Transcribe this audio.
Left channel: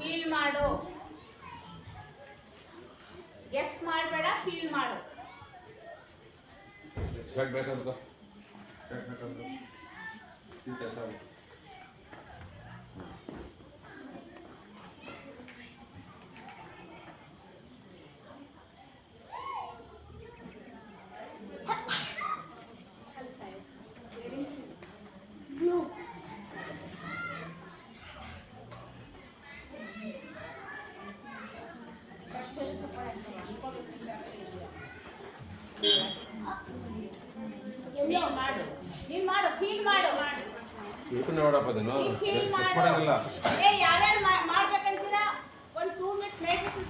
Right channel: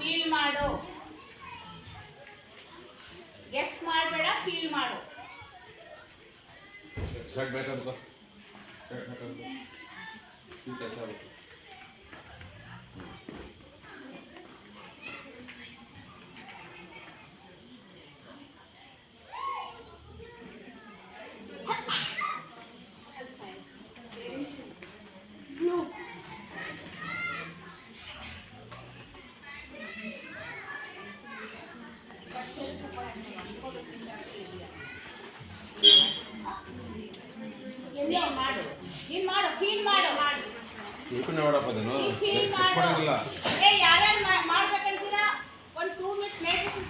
Feel ಮಾಡು S ಮಾಡಬೇಡ feel ಮಾಡು ಸಾಕು ಬೇಕಂತ ಸಾಕು ಫೀಲ್ ಮಾಡು. ನೀನ್ ಮಾಡು ಫೀಲ್ ಮಾಡು. ಇದಕ್ಕೂ ನೋಡಪ್ಪ ನೀನ್ ಫೀಲ್ ಮಾಡು. ಏ ಯಾರ್ಯಾರು ಯಾರು ಮಾಡ್ಬೇಕಂತೀರಾ? ಒಂದು ಟೂ ಮಿನಿಟ್ಸ್ ಮೆಡಿಟೇಷನ್